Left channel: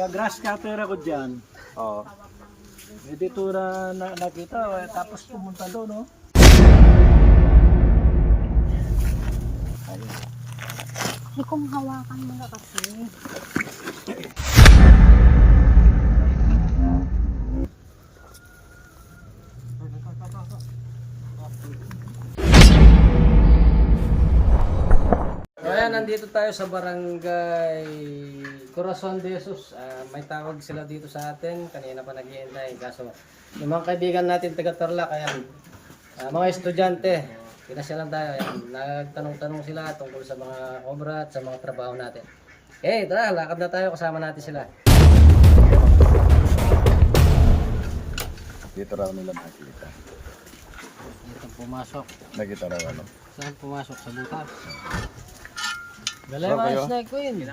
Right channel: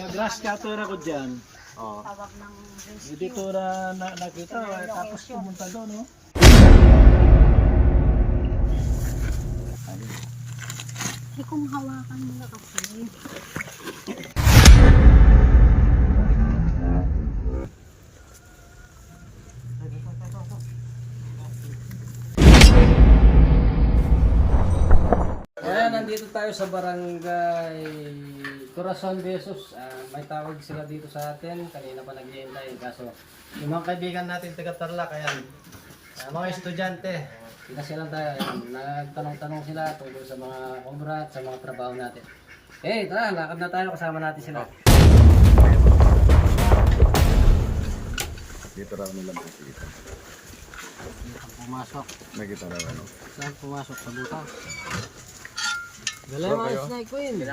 Nag-grass cutter ako dyan. Oo. Eh, dito na, na nakita, eh, tapos pumunta doon, no? Hindi kong hawakan mo na kasi. Ayan, nandito tayo sa barangay Corazon de Jesus. Ah, may tawag sila dito sa atin. Kanina pa nag-iintay. Kaso, yung mga kaibigan natin taga Tarlac, ayan. Ah, mga estudyante. Pinasyalan tayo. Ayan. Nagtanong-tanong sila tungkol sa mga obra at sa mga trabaho natin. Okay, tara, lakad na tayo. Kasama natin sila. Dito raw nila makikita. Dito pumasok. Nakita raw ano. Saan pumasok? Sa butas. Galay mga snake queen.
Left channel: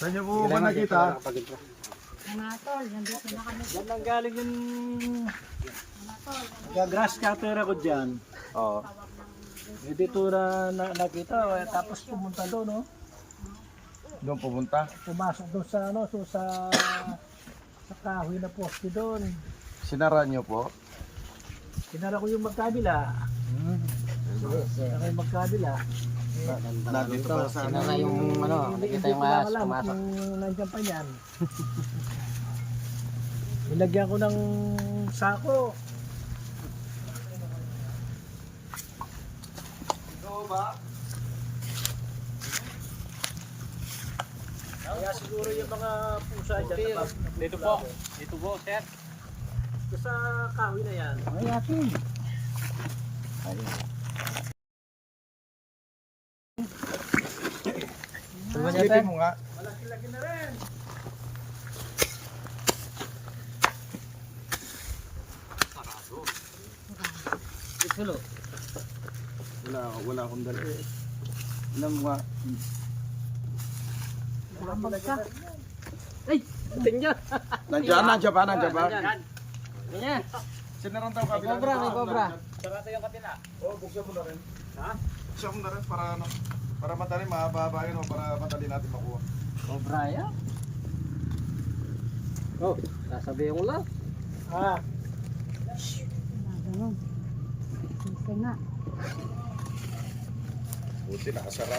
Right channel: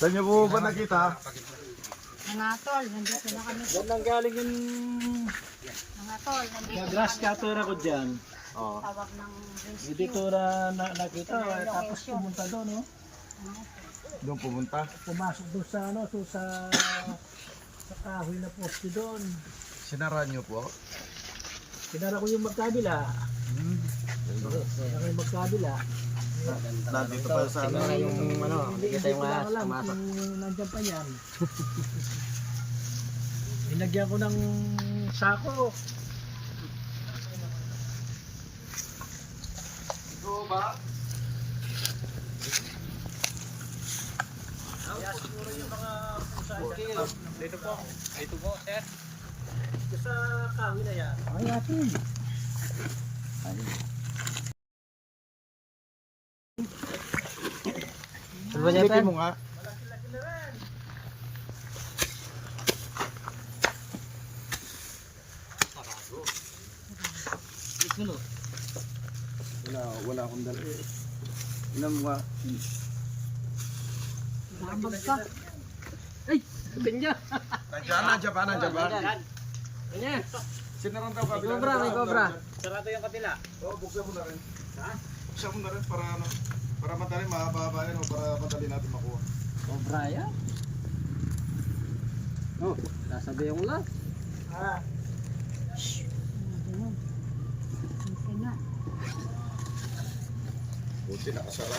Saan niyo po ba nakita? Mga tol, nandito na kami. Doon nang galing yung Mga tol, nag-grass cutter ako dyan. Oo. tawag ng Eh, dito na, na nakita, tapos pumunta doon, no? Doon pumunta. Pumasok doon sa, ano, so sa, sa kahoy na poste doon. Sinara niyo po. Pinara ko yung magkabila. Pinara yung magkabila. Nandito pa sa Sila nga yung ano, nakita yung ahas pumasok. kung nandyan pa yan. Nilagyan ko ng sako. Ito ba? Siguro yung mga pusa dyan. Dito po. Dito po, sir. Ito sa kahoy na yan. Ay, atin. Silipin mo nga. Ikulo. Wala, wala akong dala. Inan mo nga. Damag ka. Atin niya. Nandiyan, nandiyan pa, nandiyan pa. Ayan. Sinarang daw May cobra, may cobra. Sarado yung kabila. Oo, buksan mo na rin. Ha? Buksan mo na rin para ano. Para madali, mahaba-haba yun, oh, para madali natin makuha. Cobra yan. Oh, sasabihin ko lang. Ah, Mga ganun. Dito na. Buti nakasara.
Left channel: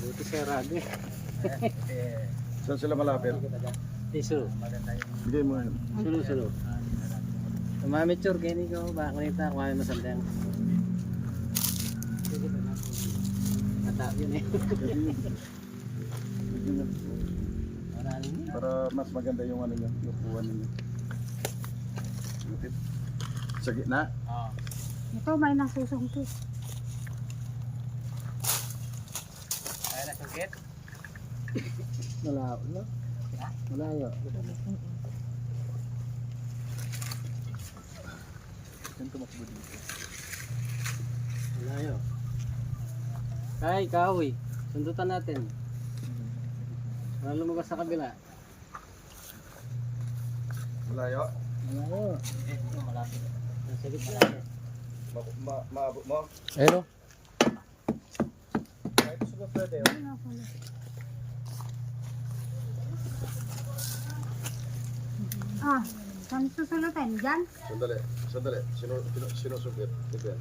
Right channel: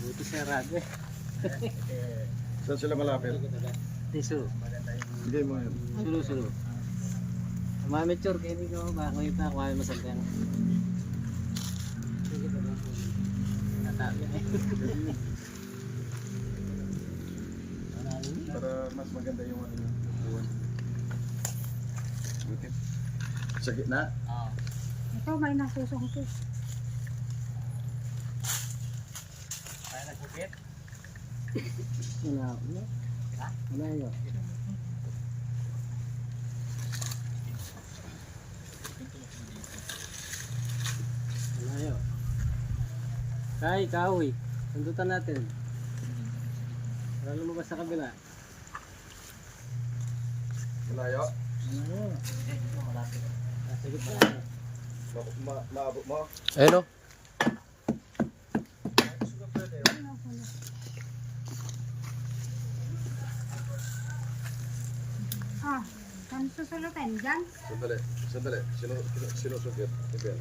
Buti rag eh. Saan sila malapit? Piso. Hindi mo yun. Sulo-sulo. Mamitsur kayo ni ko. Baka kita ako kami masanteng. Nata yun eh. Para mas maganda yung ano niya, lupuan niya. Buti. Sa gitna? Ito, may nasusungkit. Kaya na sungkit? malayo na. Malayo. Malayo. Kay, kahoy. Sundutan natin. Para lumabas sa kabila. Malayo. Malayo. Nasa gitna eh. Ma ma maabot mo? Ayun o. Ah, saan susulutin? Diyan? Sandali, sandali. Sino, sino, sinusungkit? Ito yan.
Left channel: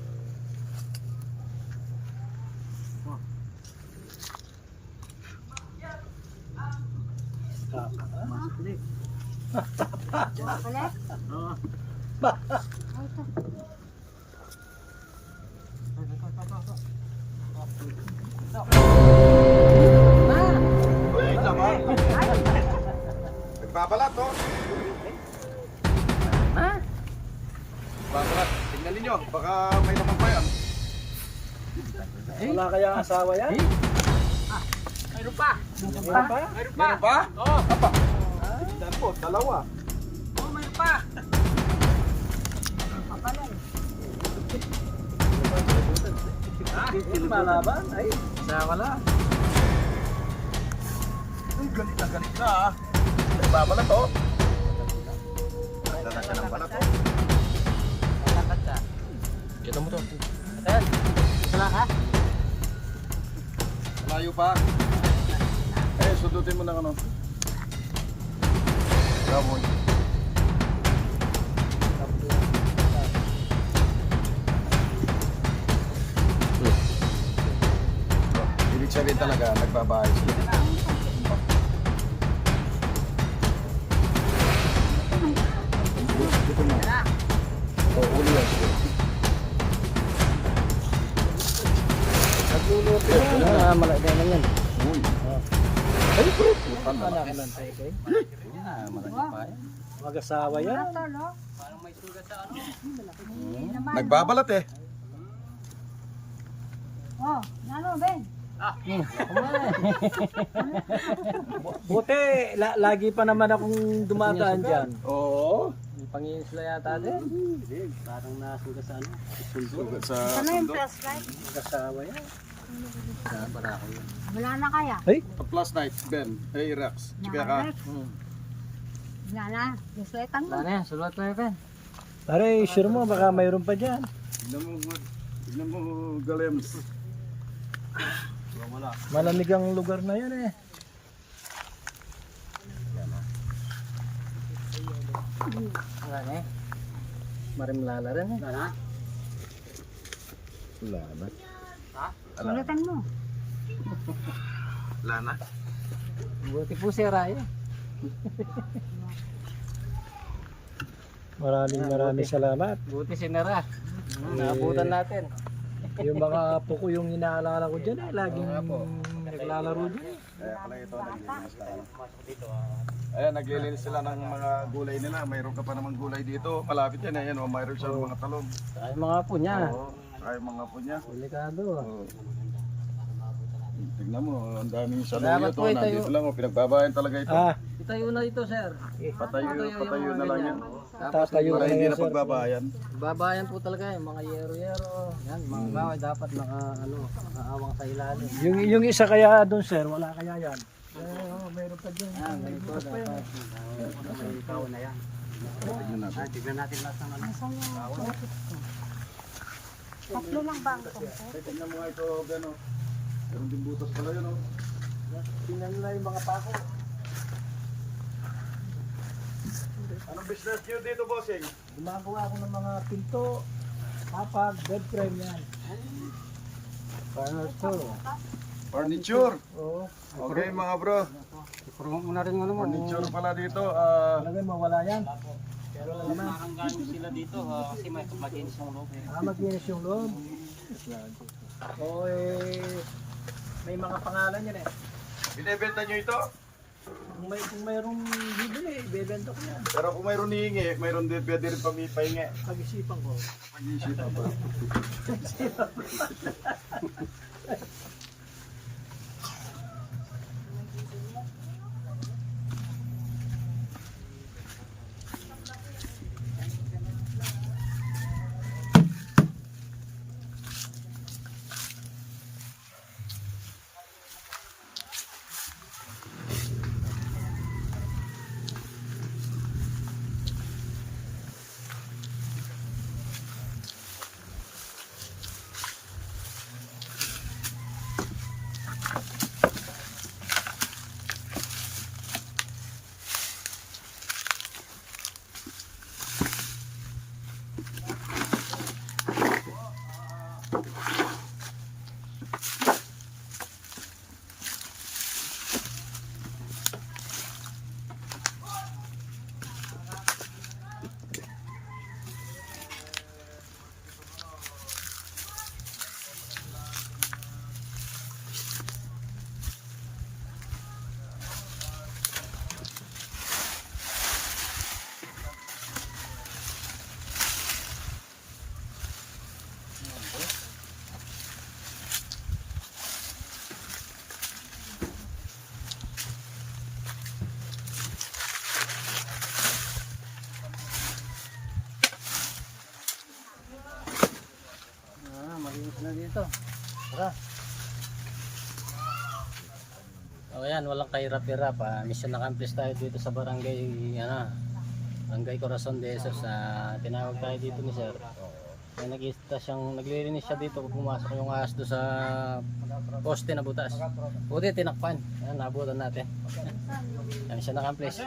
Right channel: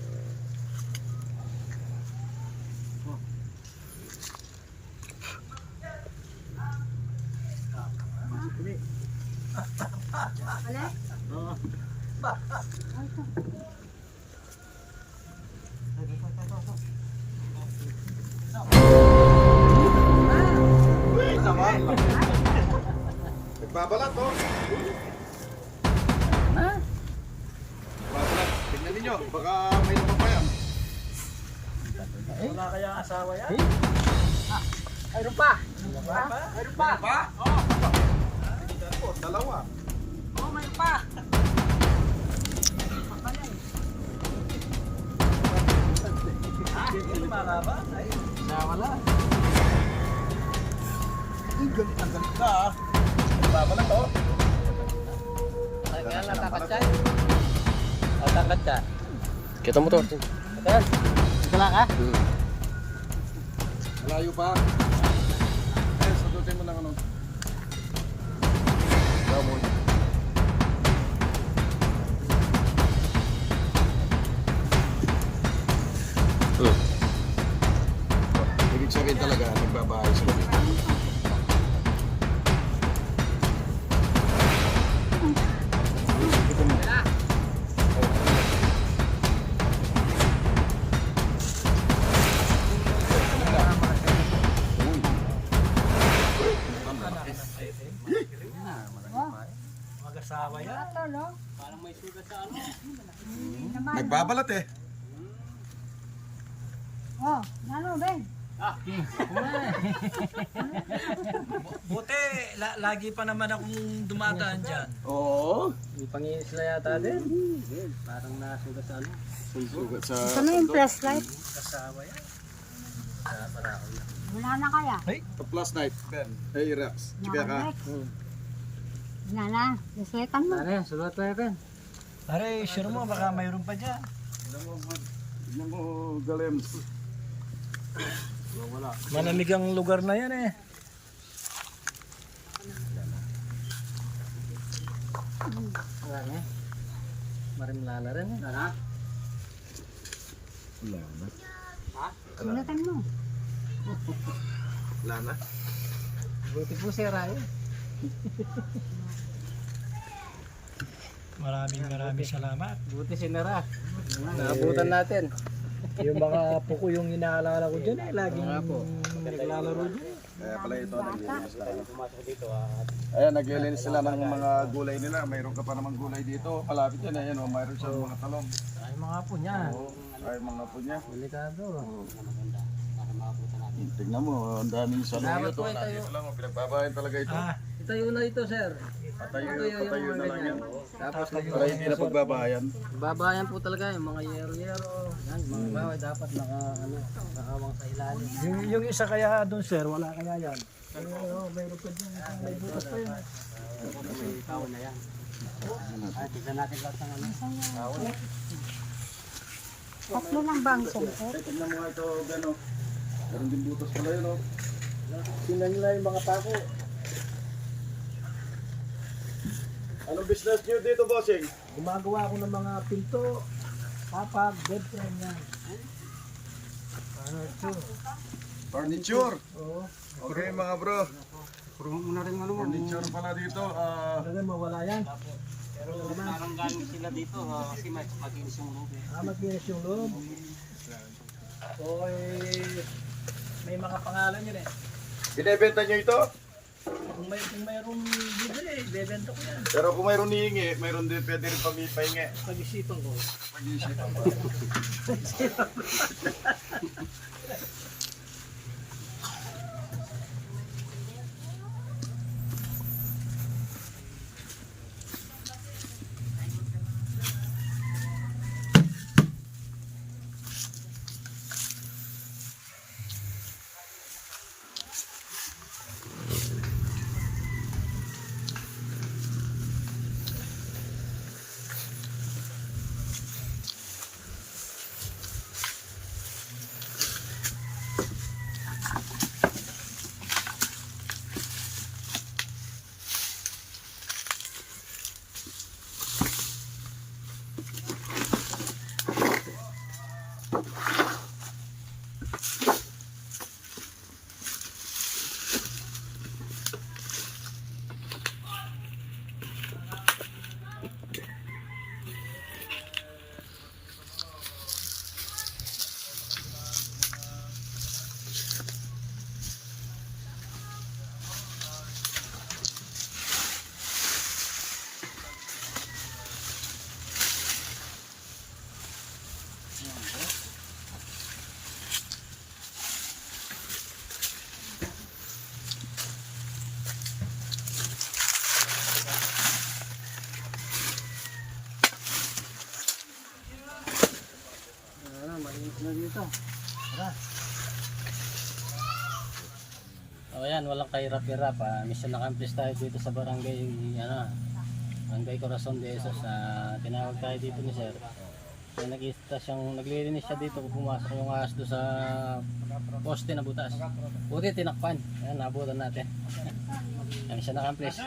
Ulit? Oo. Ay, ito. Uy, naman! Nagbabalat, oh! Ha? Babalat. Tingnan ninyo, baka may naman pa yan. Wala kayang asawa yan? Eh? Mayroon pa. Mayroon pa? Mayroon pa? ba? Oo. Oh. dalawa. Pa. Hindi malaban? Ay, Sa wala. Uy, galit na galit na, ah. Nagbabalat, oh. Dala siya ng balat. Ang tangkat ka. Kita mo to. Ayan. Ito lang ha? Malayo pa. Eh, sundutin mo ng ano. Gabon. Nagbabahay sila. Dito mo. Oh, uli yan. Oh, Mag-asawa yan. wala to, no? Parang may sugat sa ano. Nagbabalat eh. Oh, ano, Ben? Buti, la- lagi pa naman akong dumadaan dyan. Oo. May pangingisla yata din. Parang nasugat sa ano. Sugat sa Ano yung sundo. flashlight? Mag-asawa yan. Wala na kaya? Plus night, Ben. Hey, Rax. Chika ka. Nakabalik. Wala na. Flashlightan mo. Ano yan? Sulat na yan. Pare, sure mo, baka mayroon pa dyan. Tignan mo, Mar. Tignan mo, Galems. Malamig ang lugar na yan eh. Wala na eh. Marimlala rin eh. Wala na? Wala na. Sulatan mo. Wala na. Buti po si Raya. Maraming maraming salamat. Buti si Nara. Naabutan natin. Yung mga apo ko yung inaalala ko dyan eh. Laging naglalaro dyan eh. Kaya pala ito, naglilinis tayo. Ayan, naglilinis sila ng mga gulay nila. Mayroon ka pa namang gulay dito. Malapit yan. Ayan, oh, mayroon siya mga talong. Ay mga po niya. Oo. Ay, mga po niya. Delikado. Oo. Tignan mo, ang daming Salamat saluyo po, to. ito Nandito lang, oh, pinagbabayan talaga ito. Ah, Itayo na ito sir. Patayo, patayo na lang yan. Tapos Tatayo Para hindi na pagbabayan. babayan po talaga yung mga yero-yero. Yan, mga Hmm. bawal dapat naka ano, nakaawang sa ilalim. yung, yung isa kaya doon sir, wala kaya yan. Eh, oh, mayroon pa dyan. May butas pa yan. eh. May tao na yan. Tignan natin. Ay, tignan natin lahat ng ano. Yung... Tatlo lang ba ang sungkot? Eh, tignan mo ito, oh. Meron din butas pala yun, oh. Tingnan nila yung mga pako. Anong business nyo dito, bossing? Gumagawa ako ng mga pinto, kapag, bed frame yan. Ito? Furniture. Oo. Okay, mga bro. Puro mo na rin ano mo. Furniture pala dito. Ah, Talaga mawala yan. Pero naranggan sila dito ha, kasi may maginis yung loob. Ah, maglinis yung loob. So, eh, may mga pangalan yan eh. binebenta nyo ito? Kung, may, kung mayroong bibili, bebenta ko yan. Pero kung mayroon hihingi, mayroon din pwede rin pami- pahingi. Pag-isipan ko. Pag-iisipan pa. Ah, malinis na dito. Tara. O yan, walang kahirap-hirap. Ah. Mission accomplish tayo dito sa barangay, ano, barangay Corazon de Esos. Ah, tinawag tayo dito ni Sir. May nag-isa siyang naglilinis siya dito kung pumasok yung ahas doon sa poste na butas. Buti tinakpan. Ayan, nabutan natin. Yan siya na-accomplish.